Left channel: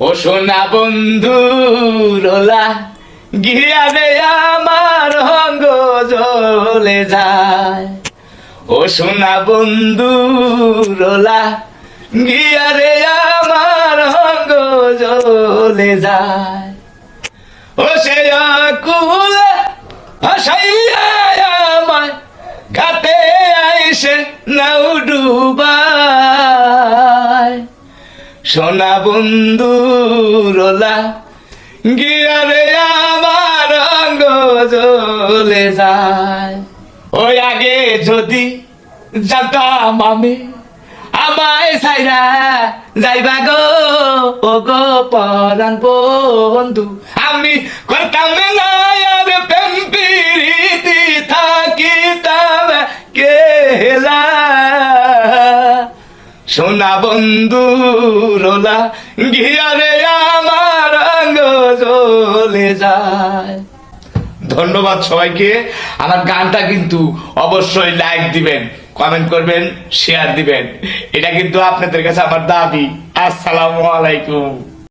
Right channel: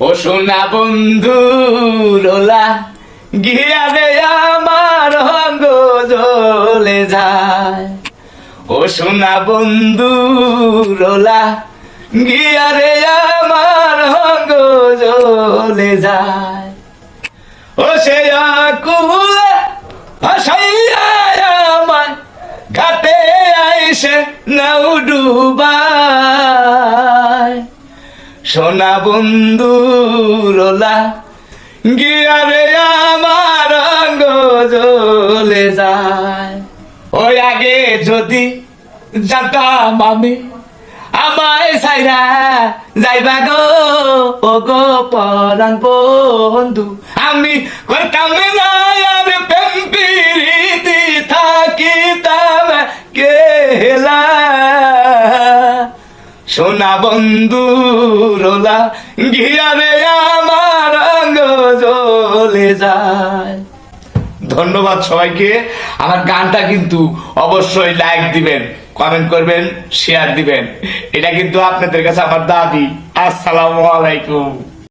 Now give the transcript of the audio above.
ও সোনা বন্ধু রোলা গিয়া রে আমার অঙ্গ জ্বলে যায়। ও সোনা বন্ধু রোলা গিয়া রে আমার অঙ্গ জ্বলে যায়। ও সে আকুলে ভাসাইয়া আমায় ঘাটে আইসে নাও ডুবায়। সোনা বন্ধু রোলা গিয়া রে আমার অঙ্গ জ্বলে যায়। ওই আগে যদি জানতাম আমি আমায় সাইরা যাইবা গো ও গো পরাণ বন্ধু, আমি করতাম না আর প্রেম প্রীতি থাকিতাম কেলা। সোনা বন্ধু রোলা গিয়া রে আমার অঙ্গ জ্বলে যায়। ধন্যবাদ সবাইকে। আমার গানটা কিন্তু অবশ্যই লাইক দিবেন, কমেন্ট করবেন, শেয়ার দিবেন। এটা কিন্তু আপনাদের কাছে আমার দাবি। আসসালামু আলাইকুম।